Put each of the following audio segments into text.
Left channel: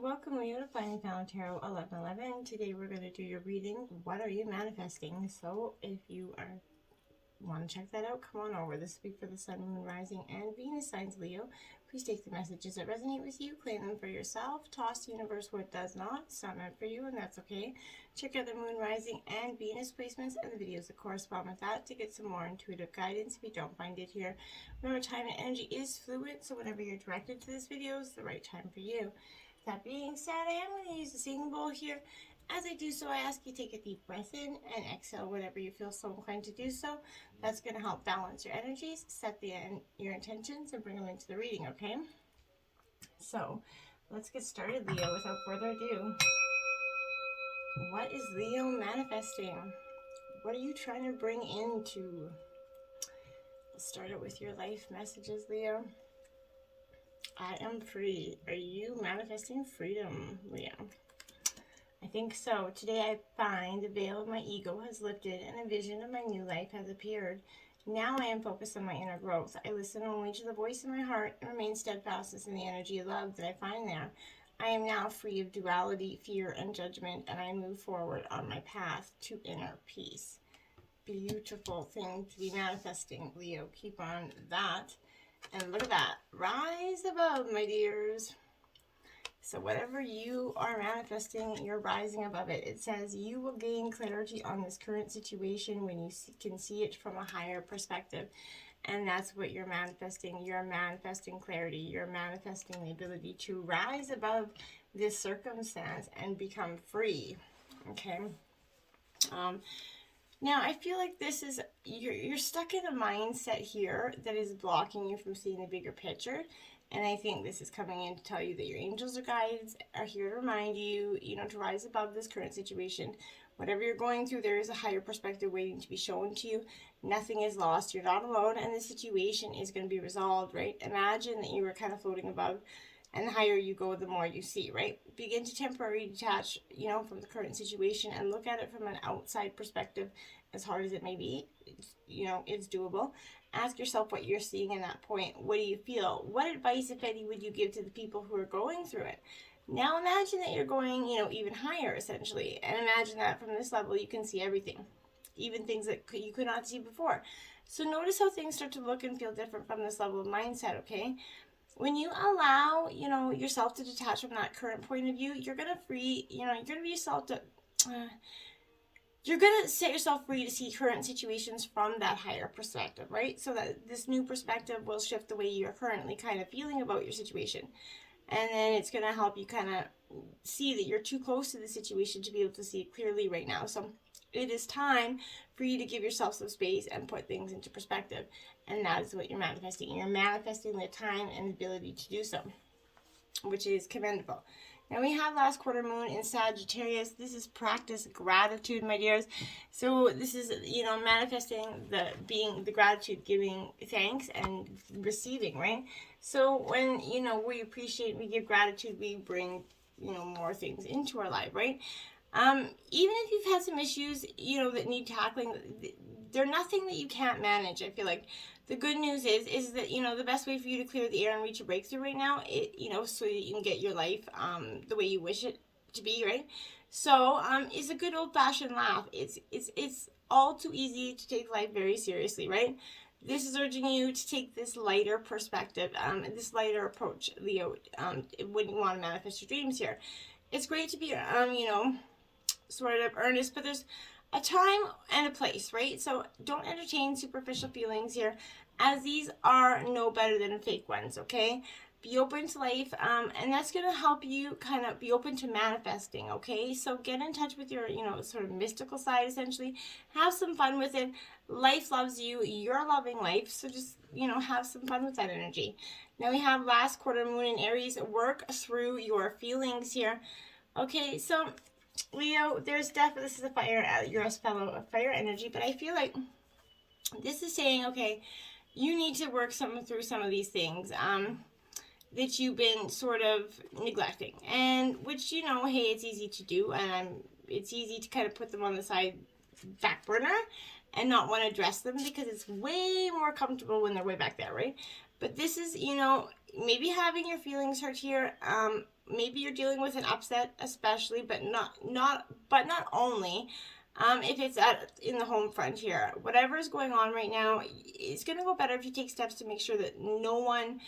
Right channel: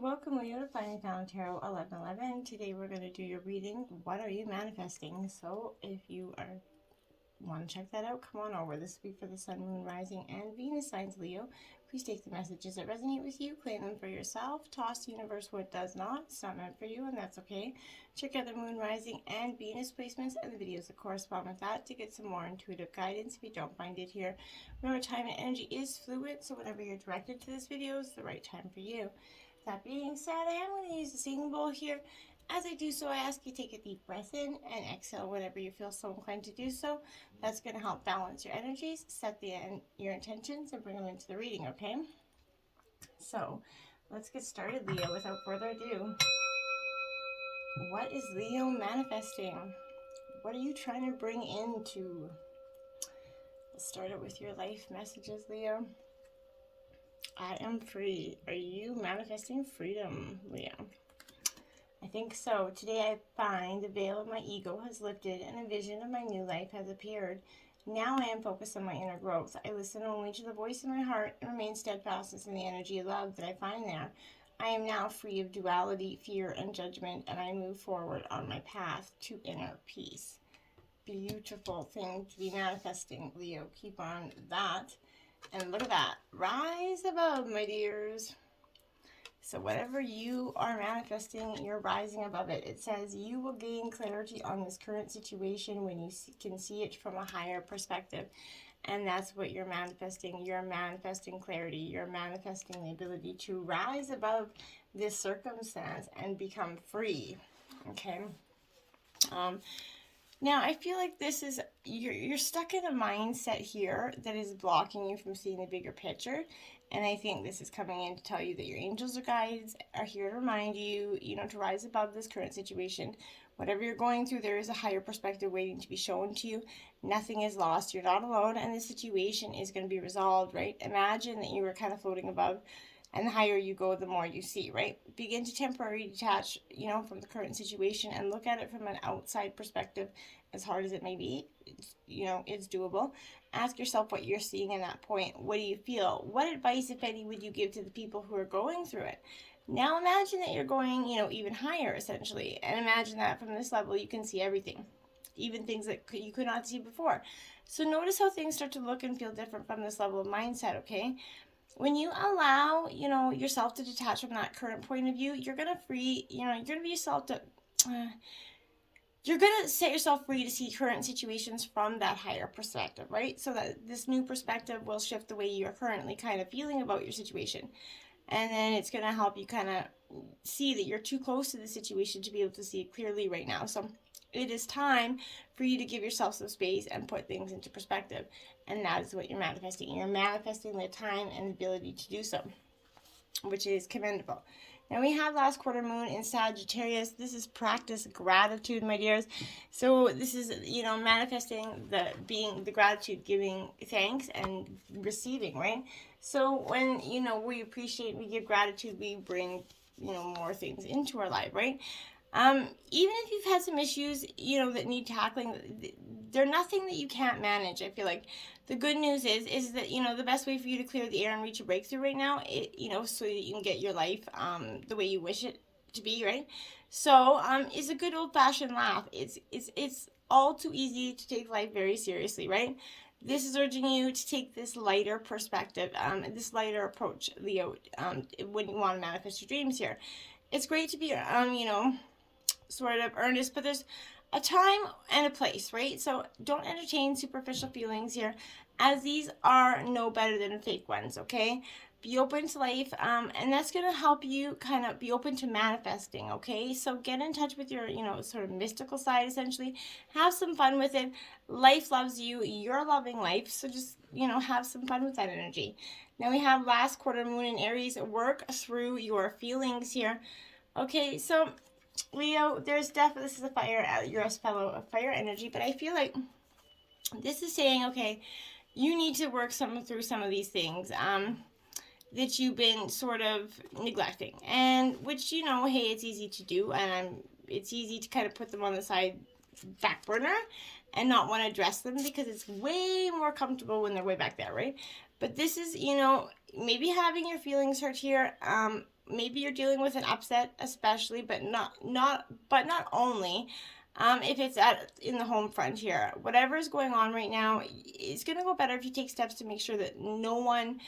Welcome, Leo, to Finding Found Tarot 1111. Today we're going to do your reading. What are you manifesting? So if you want to check that out, come on over. This will be for the Sun, Moon, Rising, and Venus signs, Leo. Please take the messages that resonate with you, claim them for yourself, toss the universe what does not. It's not meant for you, and that's okay. Check out the Moon, Rising, and Venus placements and the videos that correspond with that to get some more intuitive guidance if you don't find it here. Remember, time and energy is fluid, so whenever you're directed to this video is the right time for you. That being said, I am going to use the singing bowl here. As I do so, I ask you to take a deep breath in and exhale whenever you feel so inclined to do so. That's going to help balance your energies, set your intentions, and bring them into the reading, okay? So, let's get started, Leo, without further ado. What is Leo manifesting? What are you trying to bring into? Let's start it with your life messages, Leo. I am free. Are you manifesting freedom, Leo? I think so. Today I find the veil of my ego has lifted and a vision of my new life has appeared. Now I am focused on my inner growth. I listen only to the voice in my heart and remain steadfast in the energy of love that I find there. I am now free of duality, fear, and judgment, and I move forward on my path to inner peace. Beautiful thing to be manifesting, Leo. Keep on that. And look at that. Rise above, my dears. So whatever you are manifesting, you're rising above it. It says you will gain clarity on this current situation when you can see it from a higher perspective. And that's what you're manifesting. You're manifesting clarity. You're manifesting the ability to rise above this circumstance and become free. Okay? Now, I feel like this is, you're stuck in a mindset here that is blocking you from seeing the bigger picture. And I think this is coming in to tell you that your angels or guides are here to remind you, to rise above this current situation. Whatever you're going through, there is a higher perspective waiting to be shown to you. Nothing is lost. You're not alone, and the situation is going to be resolved, right? Imagine that you were kind of floating above, and the higher you go, the more you see, right? Begin to temporarily detach, from the current situation and look at it from an outside perspective. As hard as it may be, it's doable. Ask yourself what you're seeing in that point. What do you feel? What advice, if any, would you give to the people who are going through it? Now imagine that you're going, even higher, essentially. And imagine that from this level, you can see everything. Even things that you could not see before. So notice how things start to look and feel different from this level of mindset, okay? When you allow, yourself to detach from that current point of view, you're going to free, you're going to be yourself to... you're going to set yourself free to see current situations from that higher perspective, right? So that this new perspective will shift the way you're currently kind of feeling about your situation. And then it's going to help you kind of see that you're too close to the situation to be able to see it clearly right now. So it is time for you to give yourself some space and put things into perspective. And that is what you're manifesting. You're manifesting the time and the ability to do so, which is commendable. Now we have last quarter moon in Sagittarius. This is practice gratitude, my dears. So this is, manifesting the gratitude, giving thanks and receiving, right? So when, we appreciate, we give gratitude, we bring, more things into our life, right? Even if you've had some issues, that need tackling, they're nothing that you can't manage. I feel like the good news is that, the best way for you to clear the air and reach a breakthrough right now, so that you can get your life, the way you wish it to be, right? So, it's a good old-fashioned laugh. It's all too easy to take life very seriously, right? This is urging you to take this lighter perspective, this lighter approach, Leo, when you want to manifest your dreams here. It's great to be, sort of earnest, but there's a time and a place, right? So don't entertain superficial feelings here, as these are no better than fake ones, okay? Be open to life, and that's going to help you kind of be open to manifesting, okay? So get in touch with your, sort of mystical side, essentially. Have some fun with it. Life loves you. You're loving life, so just, have some fun with that energy. Now we have last quarter moon in Aries. Work through your feelings here. Okay, so Leo, there's definitely, this is a fire, you're a fellow of fire energy, but I feel like this is saying, okay, you need to work through some of these things that you've been sort of neglecting, and which, hey, it's easy to do, and it's easy to kind of put them on the back burner and not want to address them because it's way more comfortable when they're way back there, right? But this is, maybe having your feelings hurt here. Maybe you're dealing with an upset, especially, but not only. If it's in the home front here, whatever is going on right now, it's gonna go better if you take steps to make sure that no one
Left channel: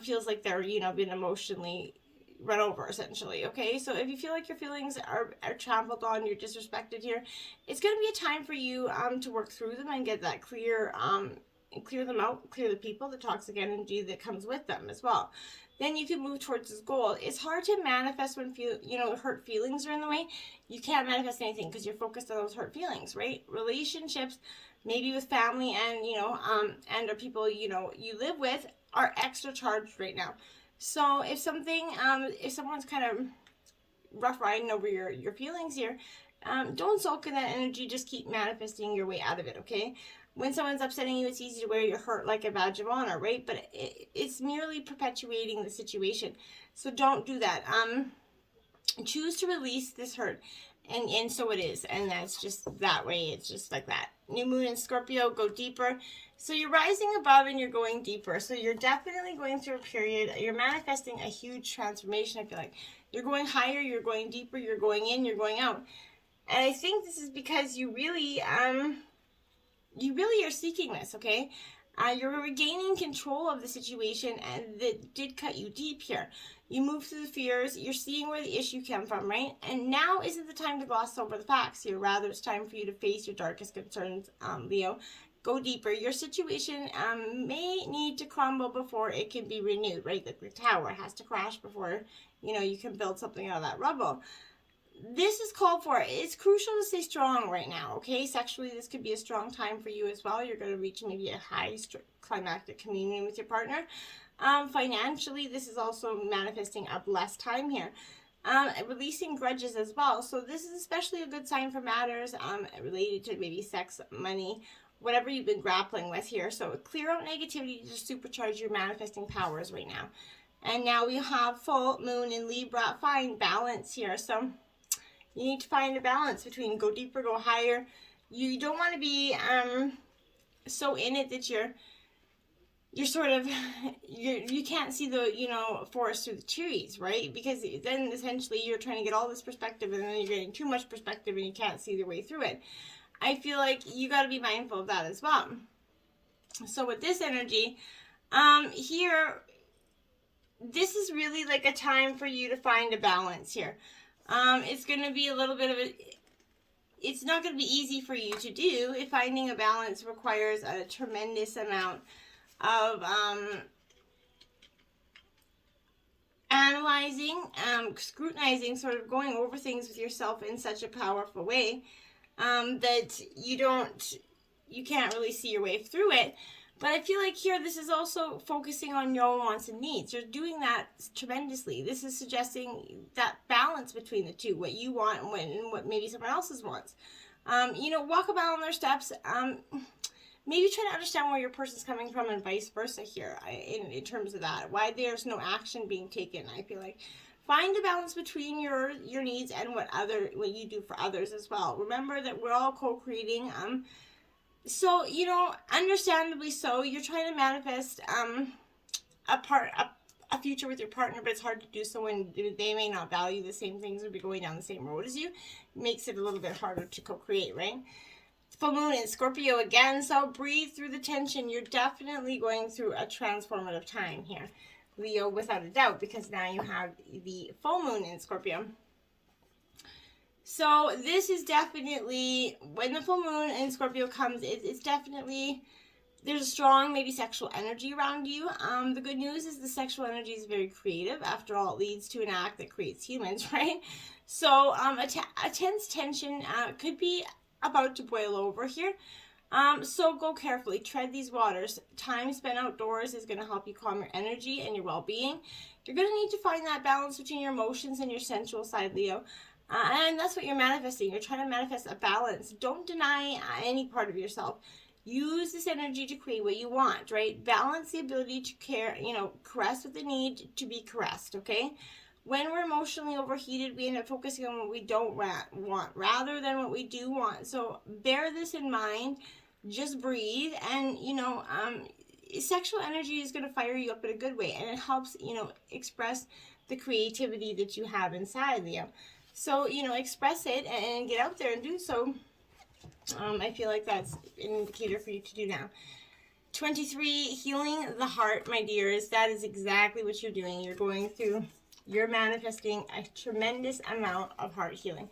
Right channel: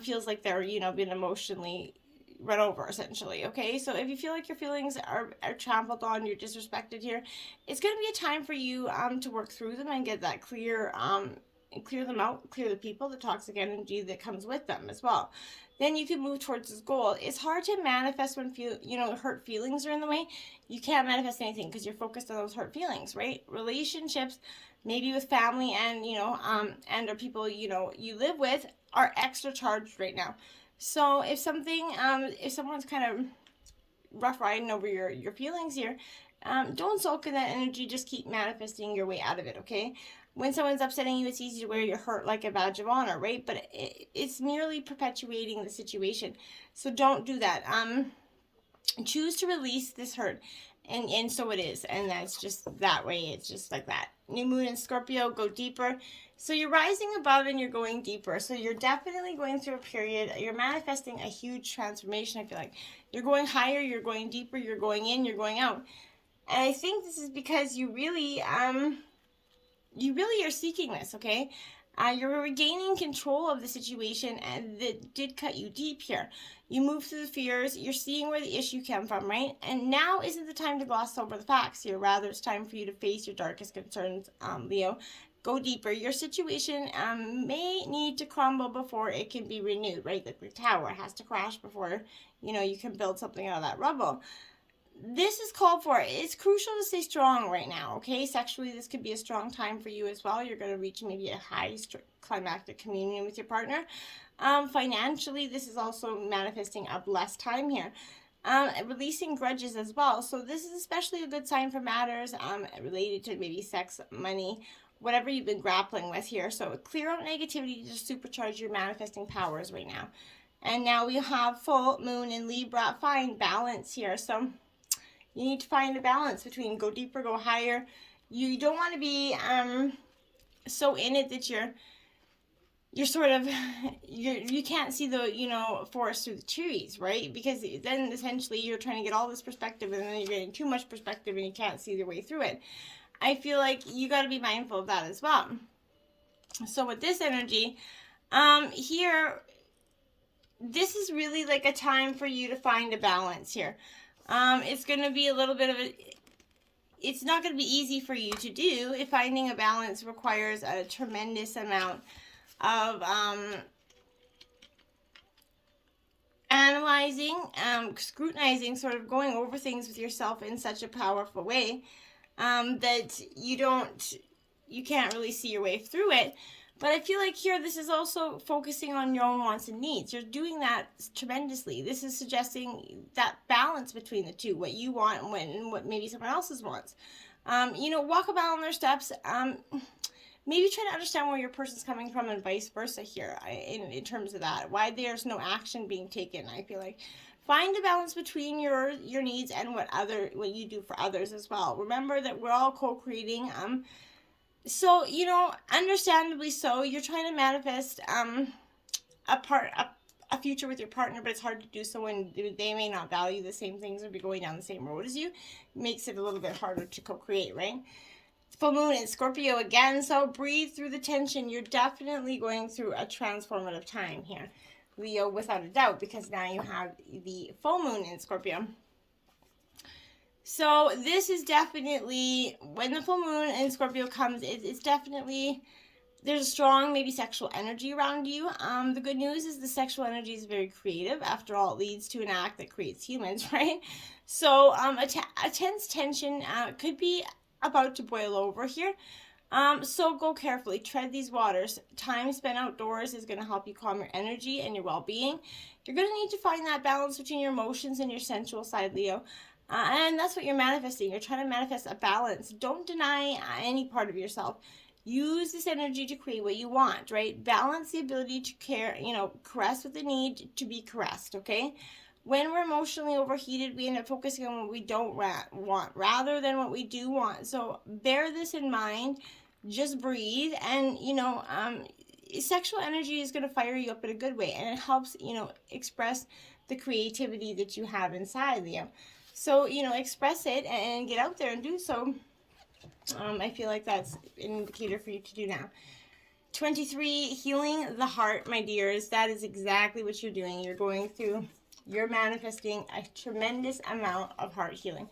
feels like they're being emotionally run over, essentially. Okay, so if you feel like your feelings are trampled on, you're disrespected here, it's gonna be a time for you to work through them and get that clear clear them out, clear the people, the toxic energy that comes with them as well. Then you can move towards this goal. It's hard to manifest when hurt feelings are in the way. You can't manifest anything because you're focused on those hurt feelings, right? Relationships, maybe with family and and or people you live with, are extra charged right now. So if someone's kind of rough riding over your feelings here, don't sulk in that energy. Just keep manifesting your way out of it, okay? When someone's upsetting you, it's easy to wear your hurt like a badge of honor, right? But it's merely perpetuating the situation. So don't do that. Choose to release this hurt. And so it is. And that's just that way. It's just like that. New moon in Scorpio, go deeper. So you're rising above and you're going deeper. So you're definitely going through a period. You're manifesting a huge transformation, I feel like. You're going higher, you're going deeper, you're going in, you're going out. And I think this is because you really are seeking this, okay? You're regaining control of the situation, and that did cut you deep here. You move through the fears, you're seeing where the issue came from, right? And now isn't the time to gloss over the facts here. Rather, it's time for you to face your darkest concerns, Leo. Go deeper. Your situation may need to crumble before it can be renewed, right? The tower has to crash before, you can build something out of that rubble. This is called for. It's crucial to stay strong right now, okay? Sexually, this could be a strong time for you as well. You're going to reach maybe a high climactic communion with your partner. Financially, this is also manifesting a blessed time here. Releasing grudges as well. So this is especially a good sign for matters related to maybe sex, money, whatever you've been grappling with here. So clear out negativity to supercharge your manifesting powers right now. And now we have full moon in Libra. Find balance here. So you need to find a balance between go deeper, go higher. You don't want to be so in it that you're sort of you can't see the forest through the trees, right? Because then essentially you're trying to get all this perspective, and then you're getting too much perspective and you can't see the way through it. I feel like you got to be mindful of that as well. So with this energy here, this is really like a time for you to find a balance here. It's going to be a little bit of it's not going to be easy for you to do. If finding a balance requires a tremendous amount of analyzing, scrutinizing, sort of going over things with yourself in such a powerful way that you can't really see your way through it. But I feel like here, this is also focusing on your own wants and needs. You're doing that tremendously. This is suggesting that balance between the two, what you want and what maybe someone else's wants. Walk about on their steps. Maybe try to understand where your person's coming from and vice versa here in terms of that. Why there's no action being taken. I feel like find a balance between your needs and what you do for others as well. Remember that we're all co-creating. So, understandably so, you're trying to manifest a future with your partner, but it's hard to do so when they may not value the same things or be going down the same road as you. It makes it a little bit harder to co-create, right? Full moon in Scorpio again, so breathe through the tension. You're definitely going through a transformative time here, Leo, without a doubt, because now you have the full moon in Scorpio. So this is definitely, when the full moon in Scorpio comes, it's definitely, there's a strong maybe sexual energy around you. The good news is the sexual energy is very creative. After all, it leads to an act that creates humans, right? So a tense tension could be about to boil over here. So go carefully, tread these waters. Time spent outdoors is going to help you calm your energy and your well-being. You're going to need to find that balance between your emotions and your sensual side, Leo. And that's what you're manifesting. You're trying to manifest a balance. Don't deny any part of yourself. Use this energy to create what you want, right? Balance the ability to care, caress with the need to be caressed, okay? When we're emotionally overheated, we end up focusing on what we don't want rather than what we do want. So bear this in mind. Just breathe. And, sexual energy is going to fire you up in a good way, and it helps, express the creativity that you have inside, Leo. So, express it and get out there and do so. I feel like that's an indicator for you to do now. 23, healing the heart, my dears. That is exactly what you're doing. You're manifesting a tremendous amount of heart healing.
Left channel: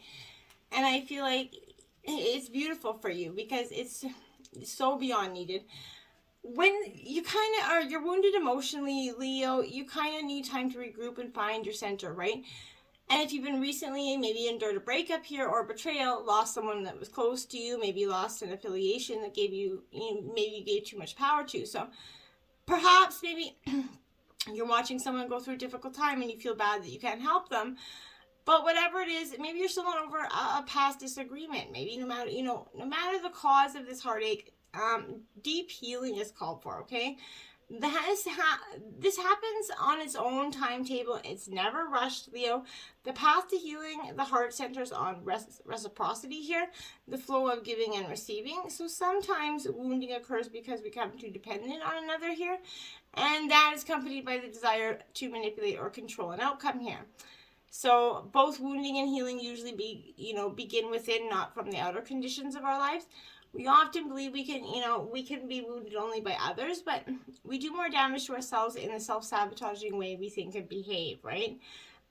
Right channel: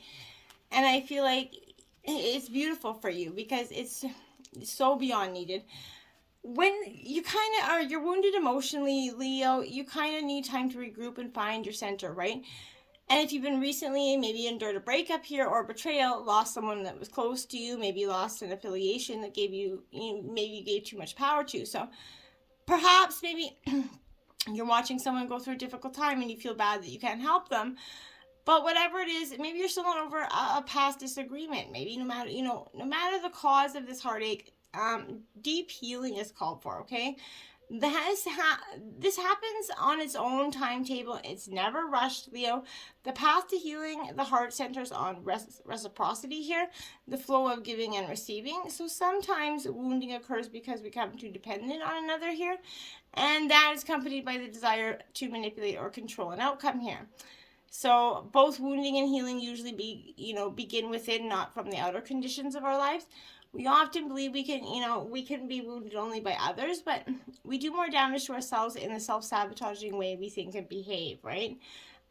And I feel like it's beautiful for you because it's so beyond needed. When you you're wounded emotionally, Leo, you kind of need time to regroup and find your center, right? And if you've been recently, maybe endured a breakup here or betrayal, lost someone that was close to you, maybe lost an affiliation that maybe you gave too much power to. So perhaps maybe you're watching someone go through a difficult time and you feel bad that you can't help them. But whatever it is, maybe you're still not over a past disagreement. Maybe no matter the cause of this heartache, deep healing is called for, okay? This happens on its own timetable. It's never rushed, Leo. The path to healing the heart centers on reciprocity here, the flow of giving and receiving. So sometimes wounding occurs because we become too dependent on another here, and that is accompanied by the desire to manipulate or control an outcome here. So both wounding and healing usually begin within, not from the outer conditions of our lives. We often believe we can be wounded only by others, but we do more damage to ourselves in the self-sabotaging way we think and behave, right?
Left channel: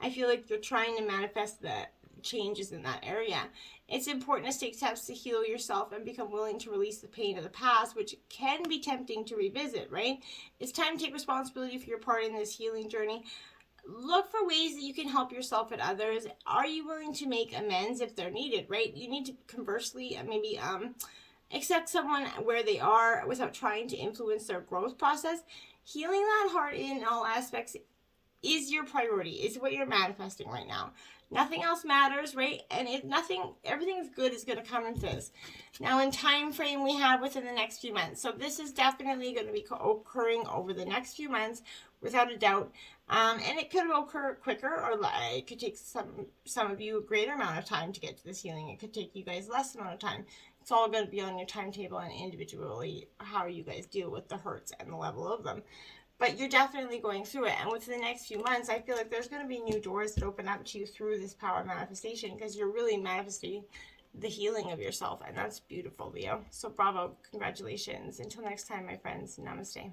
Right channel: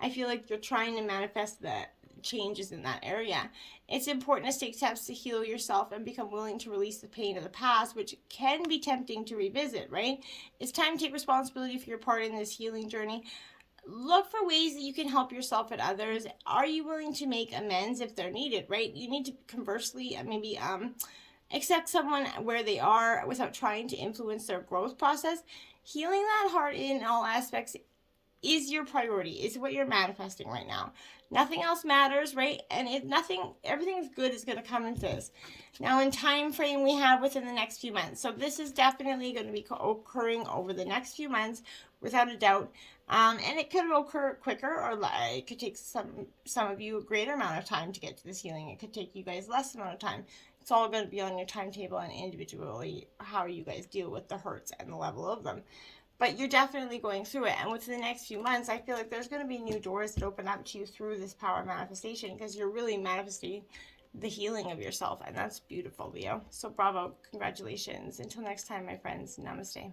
I feel like you're trying to manifest the changes in that area. It's important to take steps to heal yourself and become willing to release the pain of the past, which can be tempting to revisit, right? It's time to take responsibility for your part in this healing journey. Look for ways that you can help yourself and others. Are you willing to make amends if they're needed, right? You need to conversely maybe accept someone where they are without trying to influence their growth process. Healing that heart in all aspects is your priority, is what you're manifesting right now. Nothing else matters, right? And everything good is going to come into this. Now, in time frame, we have within the next few months. So this is definitely going to be occurring over the next few months, without a doubt. And it could occur quicker, or it could take some of you a greater amount of time to get to this healing. It could take you guys less amount of time. It's all going to be on your timetable and individually how you guys deal with the hurts and the level of them. But you're definitely going through it. And within the next few months, I feel like there's going to be new doors that open up to you through this power of manifestation, because you're really manifesting the healing of yourself. And that's beautiful, Leo. So bravo. Congratulations. Until next time, my friends. Namaste.